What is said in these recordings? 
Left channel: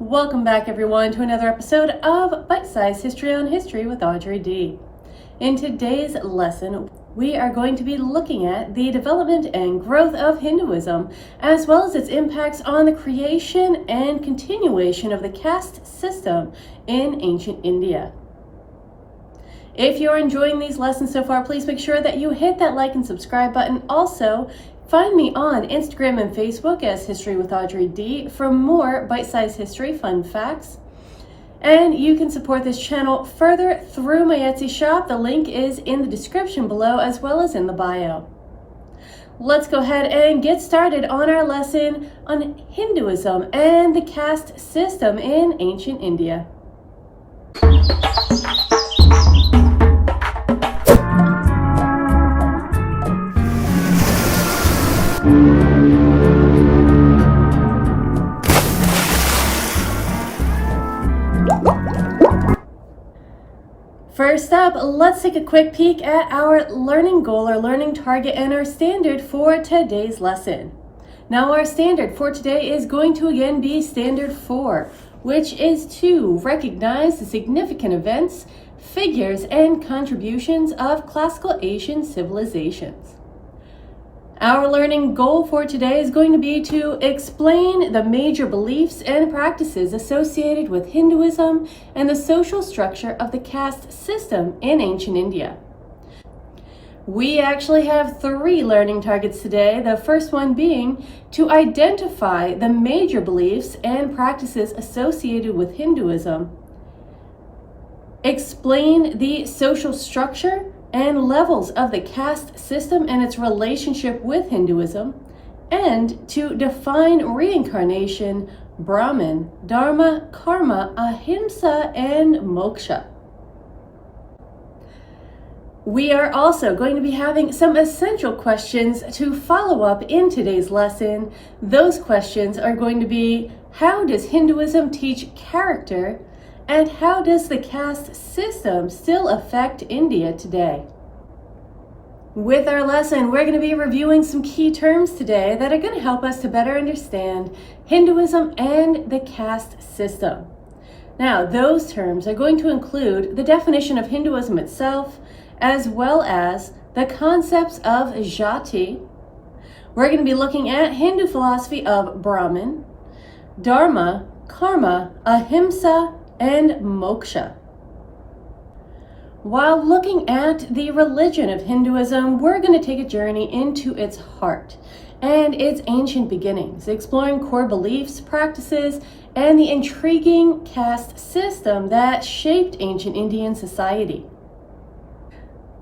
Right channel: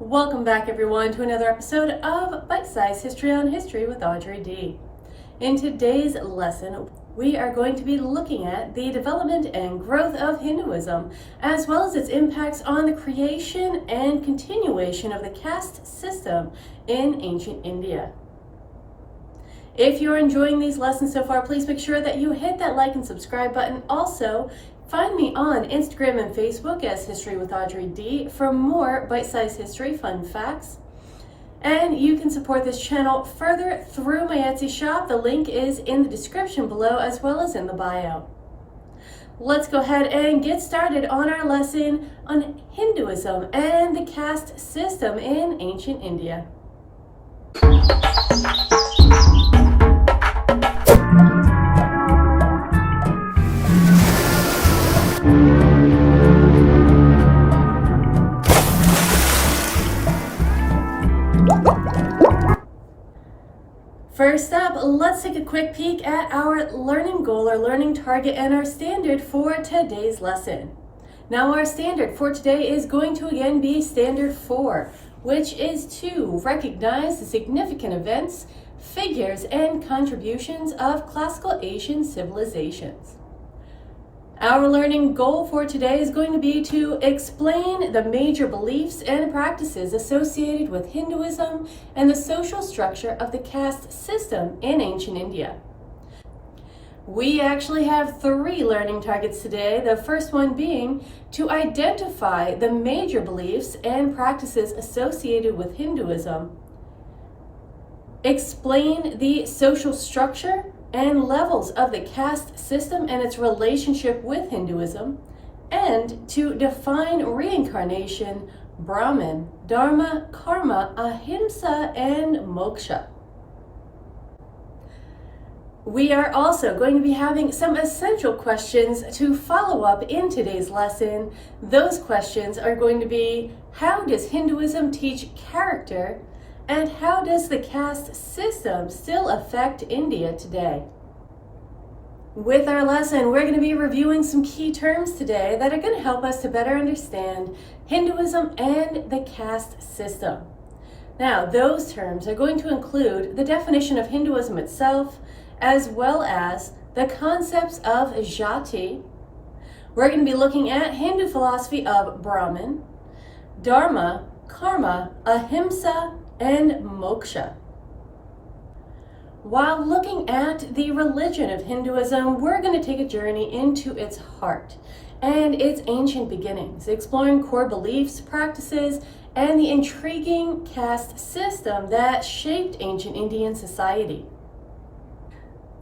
Welcome back, everyone, to another episode of Bite-Sized History on History with Audrey D. In today's lesson, we are going to be looking at the development and growth of Hinduism, as well as its impacts on the creation and continuation of the caste system in ancient India. If you're enjoying these lessons so far, please make sure that you hit that like and subscribe button. Also, find me on Instagram and Facebook as History with Audrey D for more bite-sized history fun facts. And you can support this channel further through my Etsy shop. The link is in the description below as well as in the bio. Let's go ahead and get started on our lesson on Hinduism and the caste system in ancient India. First up, let's take a quick peek at our learning goal or learning target and our standard for today's lesson. Now, our standard for today is going to again be standard 4, which is to recognize the significant events, figures, and contributions of classical Asian civilizations. Our learning goal for today is going to be to explain the major beliefs and practices associated with Hinduism and the social structure of the caste system in ancient India. We actually have 3 learning targets today, the first one being to identify the major beliefs and practices associated with Hinduism, explain the social structure and levels of the caste system and its relationship with Hinduism, and to define reincarnation, Brahman, Dharma, Karma, Ahimsa, and Moksha. We are also going to be having some essential questions to follow up in today's lesson. Those questions are going to be: how does Hinduism teach character? And how does the caste system still affect India today? With our lesson, we're going to be reviewing some key terms today that are going to help us to better understand Hinduism and the caste system. Now, those terms are going to include the definition of Hinduism itself, as well as the concepts of jati. We're going to be looking at Hindu philosophy of Brahman, Dharma, Karma, Ahimsa, and Moksha. While looking at the religion of Hinduism, we're going to take a journey into its heart and its ancient beginnings, exploring core beliefs, practices, and the intriguing caste system that shaped ancient Indian society.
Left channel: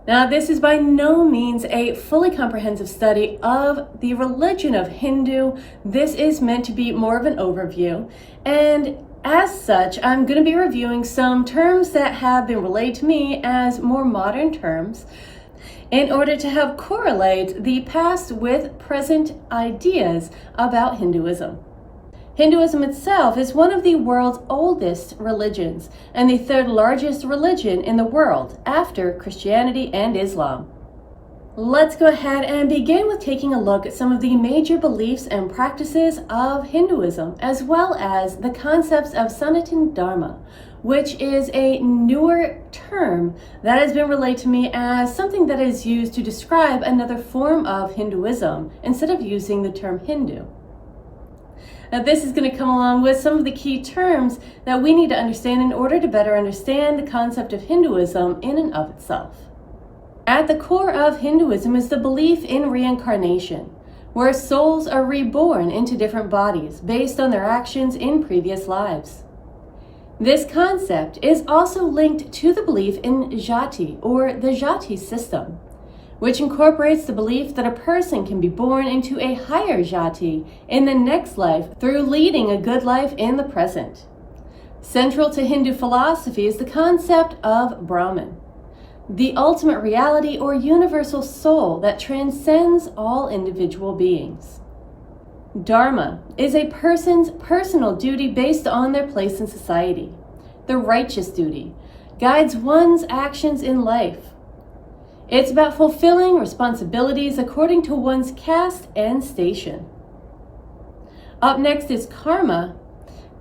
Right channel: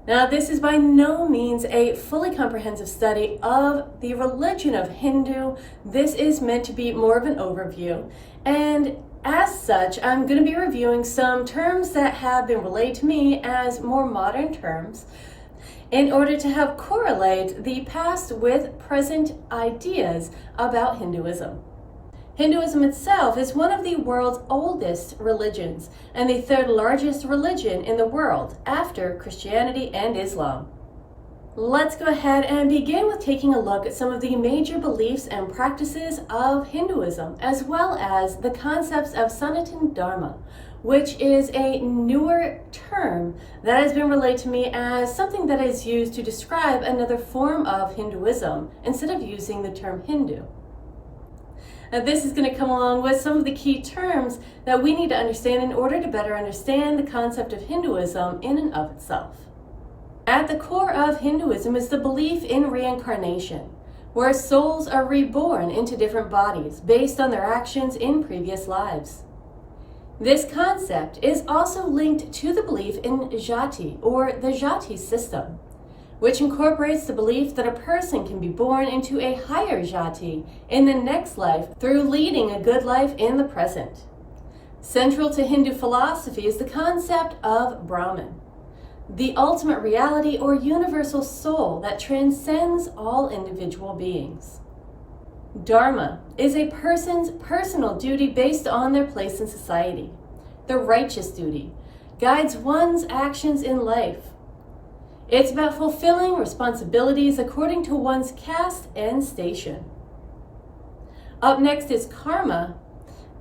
Now, this is by no means a fully comprehensive study of the religion of Hindu. This is meant to be more of an overview, and as such, I'm going to be reviewing some terms that have been relayed to me as more modern terms in order to help correlate the past with present ideas about Hinduism. Hinduism itself is one of the world's oldest religions and the 3rd largest religion in the world after Christianity and Islam. Let's go ahead and begin with taking a look at some of the major beliefs and practices of Hinduism, as well as the concepts of Sanatana Dharma, which is a newer term that has been relayed to me as something that is used to describe another form of Hinduism instead of using the term Hindu. Now, this is going to come along with some of the key terms that we need to understand in order to better understand the concept of Hinduism in and of itself. At the core of Hinduism is the belief in reincarnation, where souls are reborn into different bodies based on their actions in previous lives. This concept is also linked to the belief in jati, or the jati system, which incorporates the belief that a person can be born into a higher jati in the next life through leading a good life in the present. Central to Hindu philosophy is the concept of Brahman, the ultimate reality or universal soul that transcends all individual beings. Dharma is a person's personal duty based on their place in society. The righteous duty guides one's actions in life. It's about fulfilling responsibilities according to one's caste and station. Up next is karma.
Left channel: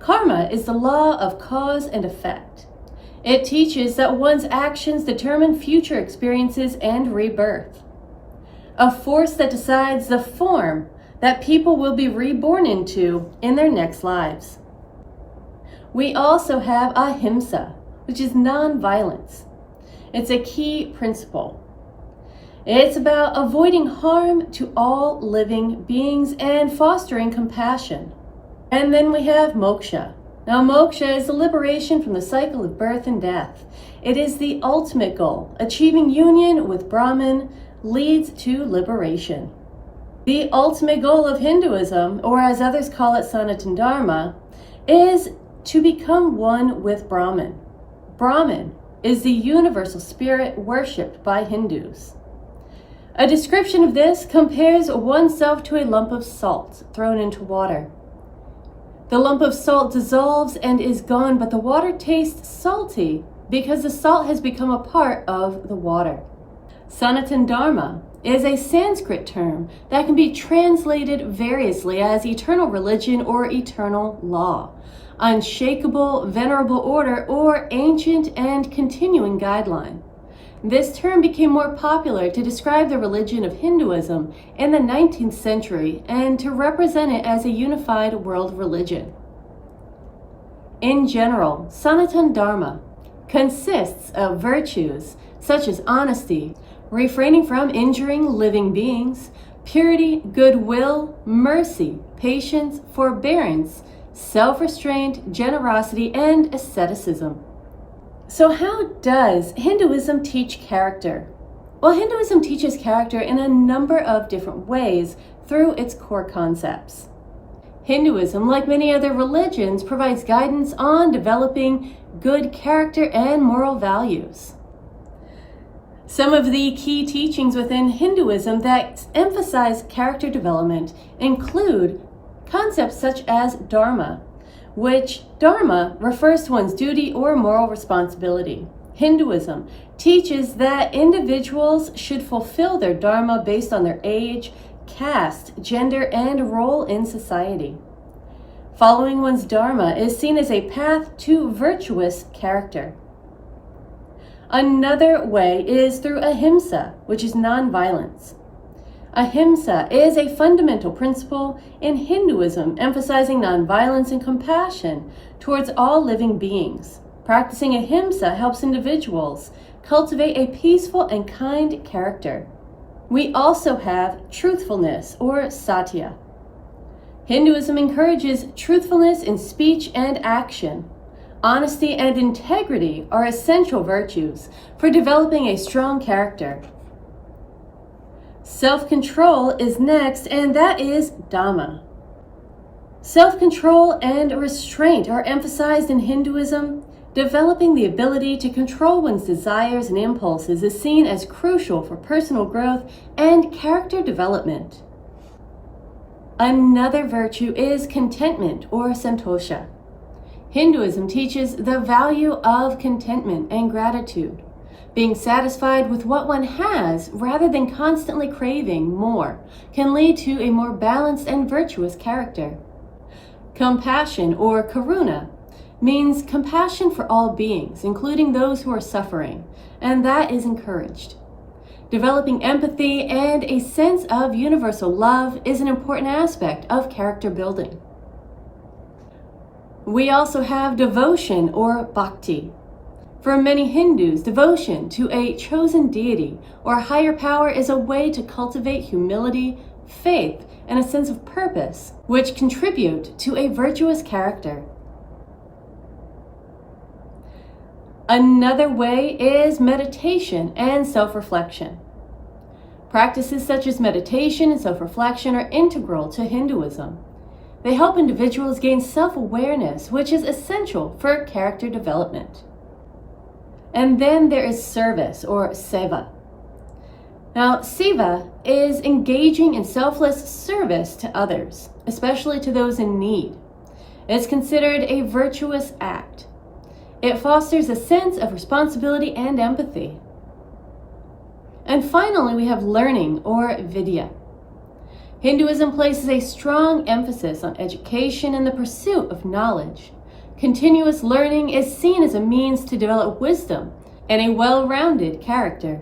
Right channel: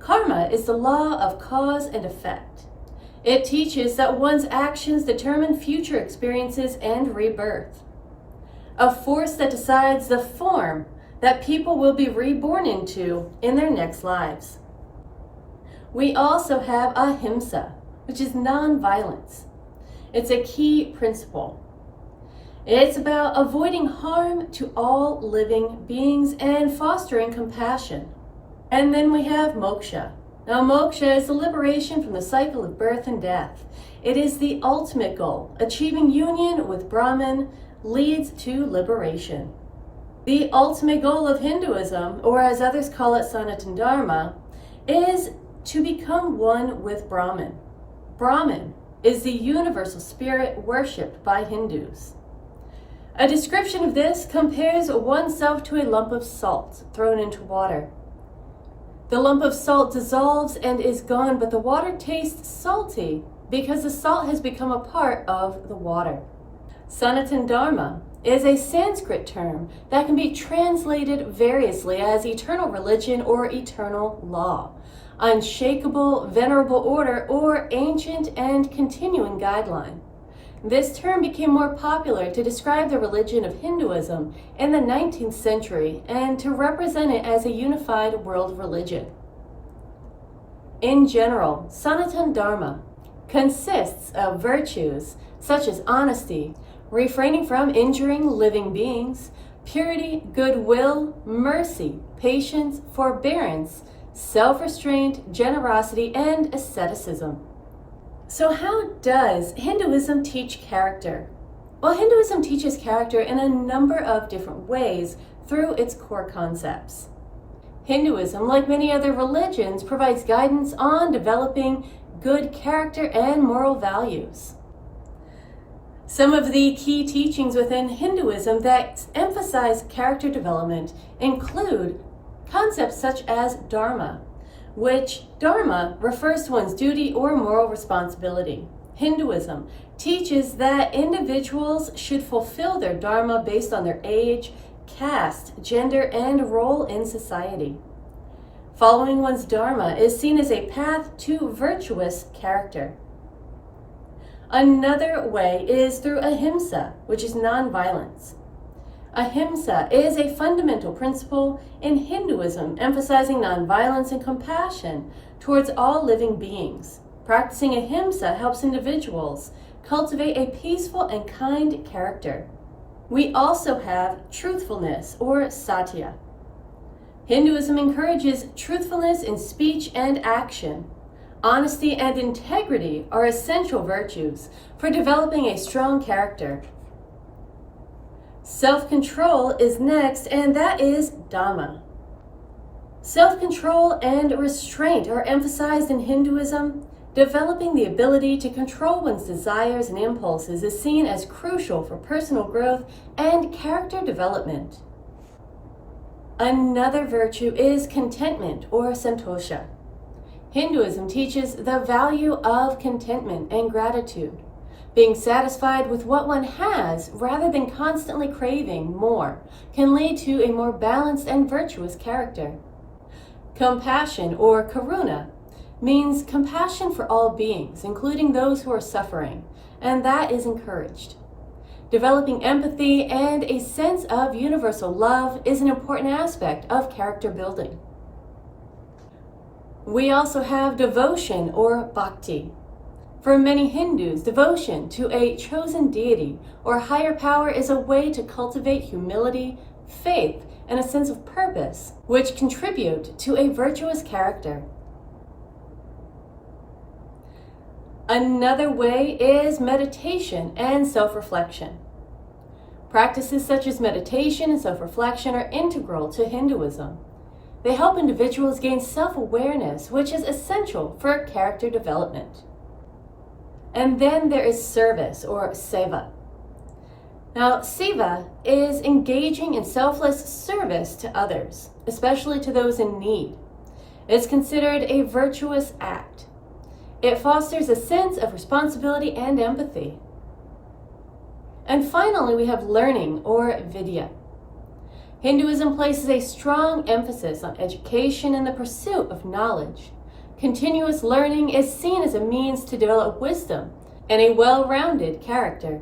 Karma is the law of cause and effect. It teaches that one's actions determine future experiences and rebirth, a force that decides the form that people will be reborn into in their next lives. We also have ahimsa, which is non-violence. It's a key principle. It's about avoiding harm to all living beings and fostering compassion. And then we have moksha. Now, moksha is the liberation from the cycle of birth and death. It is the ultimate goal. Achieving union with Brahman leads to liberation. The ultimate goal of Hinduism, or as others call it Sanatana Dharma, is to become one with Brahman. Brahman is the universal spirit worshipped by Hindus. A description of this compares oneself to a lump of salt thrown into water. The lump of salt dissolves and is gone, but the water tastes salty because the salt has become a part of the water. Sanatana Dharma is a Sanskrit term that can be translated variously as eternal religion or eternal law, unshakable, venerable order, or ancient and continuing guideline. This term became more popular to describe the religion of Hinduism in the 19th century and to represent it as a unified world religion. In general, Sanatana Dharma consists of virtues such as honesty, refraining from injuring living beings, purity, goodwill, mercy, patience, forbearance, self-restraint, generosity, and asceticism. So how does Hinduism teach character? Well, Hinduism teaches character in a number of different ways through its core concepts. Hinduism, like many other religions, provides guidance on developing good character and moral values. Some of the key teachings within Hinduism that emphasize character development include concepts such as dharma, which dharma refers to one's duty or moral responsibility. Hinduism teaches that individuals should fulfill their dharma based on their age, caste, gender, and role in society. Following one's dharma is seen as a path to virtuous character. Another way is through ahimsa, which is nonviolence. Ahimsa is a fundamental principle in Hinduism, emphasizing nonviolence and compassion towards all living beings. Practicing ahimsa helps individuals cultivate a peaceful and kind character. We also have truthfulness, or satya. Hinduism encourages truthfulness in speech and action. Honesty and integrity are essential virtues for developing a strong character. Self-control is next, and that is Dhamma. Self-control and restraint are emphasized in Hinduism. Developing the ability to control one's desires and impulses is seen as crucial for personal growth and character development. Another virtue is contentment, or santosha. Hinduism teaches the value of contentment and gratitude. Being satisfied with what one has rather than constantly craving more can lead to a more balanced and virtuous character. Compassion, or karuna, means compassion for all beings, including those who are suffering, and that is encouraged. Developing empathy and a sense of universal love is an important aspect of character building. We also have devotion, or bhakti. For many Hindus, devotion to a chosen deity or higher power is a way to cultivate humility, faith, and a sense of purpose, which contribute to a virtuous character. Another way is meditation and self-reflection. Practices such as meditation and self-reflection are integral to Hinduism. They help individuals gain self-awareness, which is essential for character development. And then there is service, or seva. Now, seva is engaging in selfless service to others, especially to those in need. It's considered a virtuous act. It fosters a sense of responsibility and empathy. And finally, we have learning, or vidya. Hinduism places a strong emphasis on education and the pursuit of knowledge. Continuous learning is seen as a means to develop wisdom and a well-rounded character.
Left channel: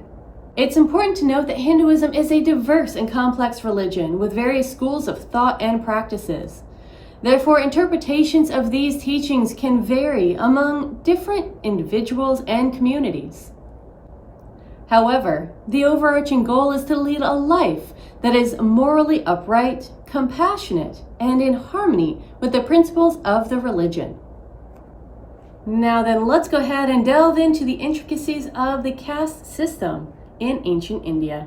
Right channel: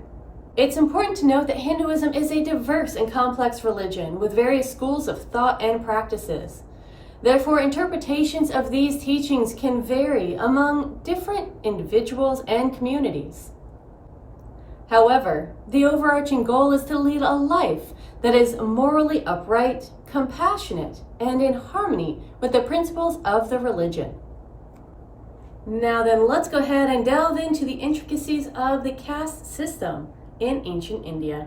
It's important to note that Hinduism is a diverse and complex religion with various schools of thought and practices. Therefore, interpretations of these teachings can vary among different individuals and communities. However, the overarching goal is to lead a life that is morally upright, compassionate, and in harmony with the principles of the religion. Now then, let's go ahead and delve into the intricacies of the caste system in ancient India.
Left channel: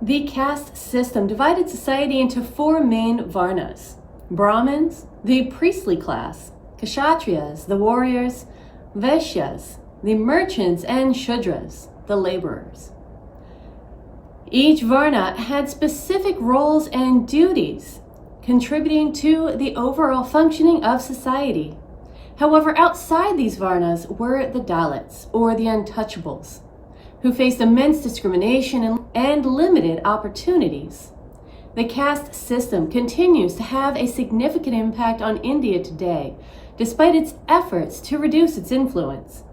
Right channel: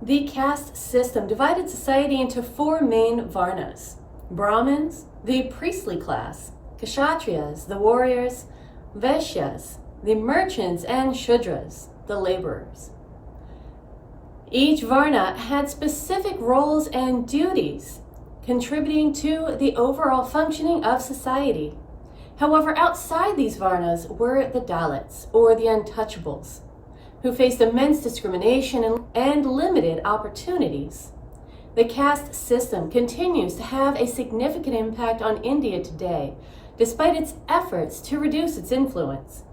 The caste system divided society into four main varnas: Brahmins, the priestly class; Kshatriyas, the warriors; Vaishyas, the merchants; and Shudras, the laborers. Each varna had specific roles and duties, contributing to the overall functioning of society. However, outside these varnas were the Dalits, or the untouchables, who faced immense discrimination and limited opportunities. The caste system continues to have a significant impact on India today, despite its efforts to reduce its influence.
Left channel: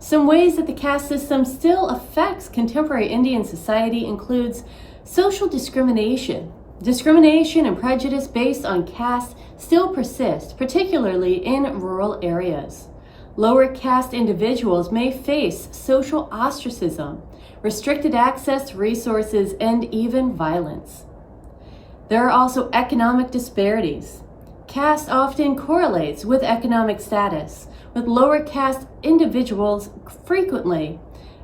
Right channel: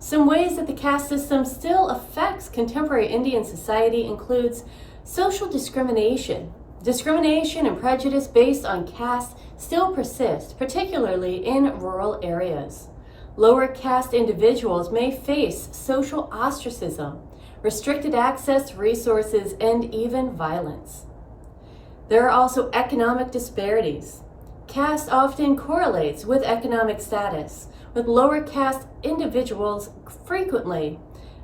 Some ways that the caste system still affects contemporary Indian society includes social discrimination. Discrimination and prejudice based on caste still persist, particularly in rural areas. Lower caste individuals may face social ostracism, restricted access to resources, and even violence. There are also economic disparities. Caste often correlates with economic status, with lower caste individuals frequently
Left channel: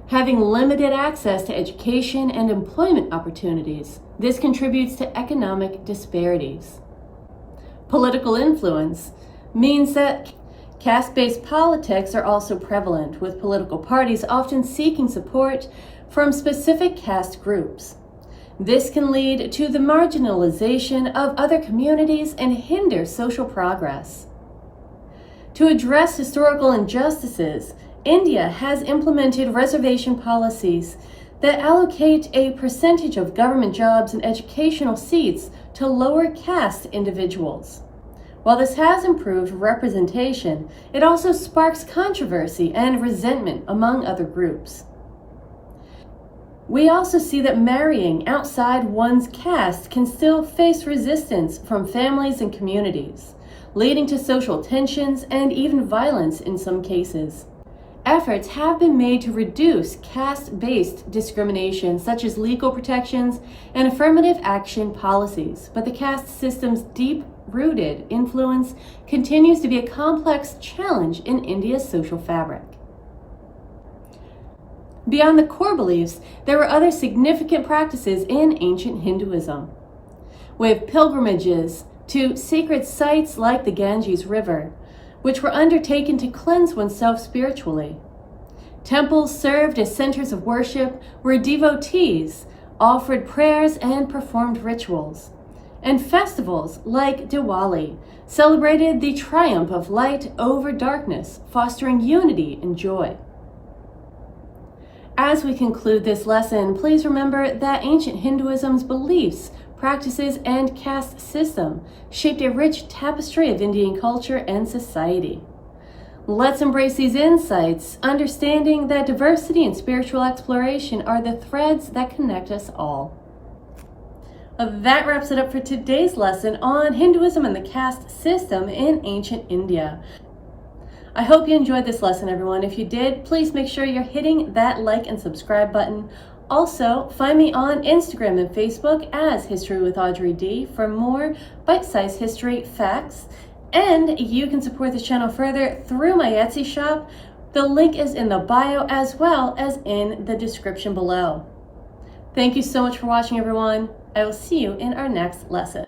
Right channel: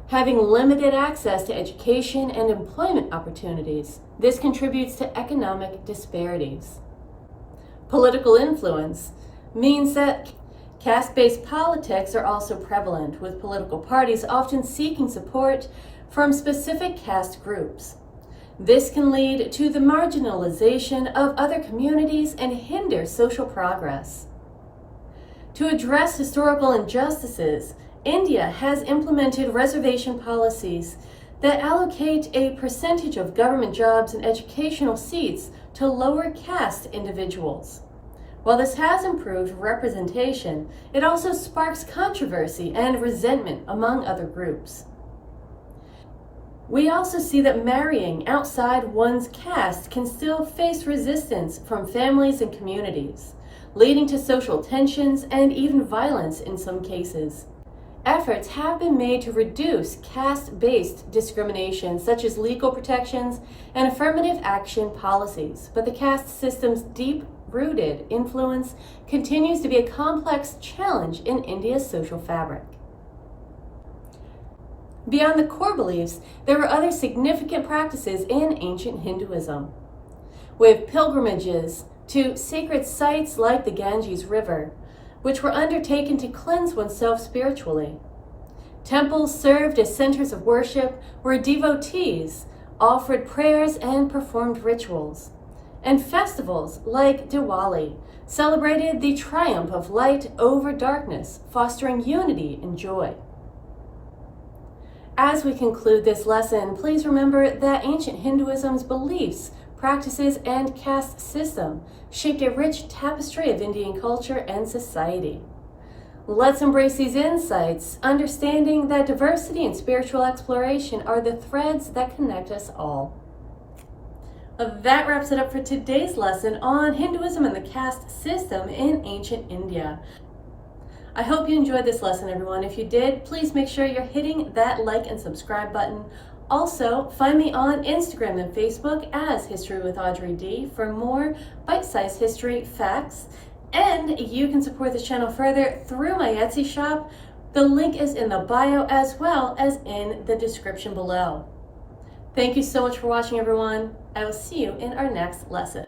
having limited access to education and employment opportunities. This contributes to economic disparities. Political influence means that caste-based politics are also prevalent, with political parties often seeking support from specific caste groups. This can lead to the marginalization of other communities and hinder social progress. To address historical injustices, India has implemented reservation policies that allocate a percentage of government jobs and educational seats to lower caste individuals. While this has improved representation, it also sparks controversy and resentment among other groups. We also see that marrying outside one's caste can still face resistance from families and communities, leading to social tensions and even violence in some cases. Efforts have been made to reduce caste-based discrimination, such as legal protections and affirmative action policies, but the caste system's deep-rooted influence continues to be a complex challenge in India's social fabric. Beyond the core beliefs, there were other significant practices in ancient Hinduism. We have pilgrimages to sacred sites like the Ganges River, which were undertaken to cleanse oneself spiritually. Temples served as centers of worship where devotees offered prayers and performed rituals. And festivals like Diwali celebrated the triumph of light over darkness, fostering unity and joy. As we conclude this lesson, please remember that ancient Hinduism's beliefs, practices, and caste system shaped a rich tapestry of Indian culture and society. Let's embrace these insights, understanding that diversity and spiritual exploration are the threads that connect us all. That wraps it up for today's lesson on Hinduism and the caste system in ancient India. I hope you enjoyed this lesson, everyone. If you did, please make sure you're hitting that like and subscribe button. Also, find me on Instagram and Facebook as History with Audrey D for more bite-sized history facts. And you can support this channel further through my Etsy shop. The link is in the bio as well as in the description below. Thank you so much for watching, everyone. I will see you in our next lesson.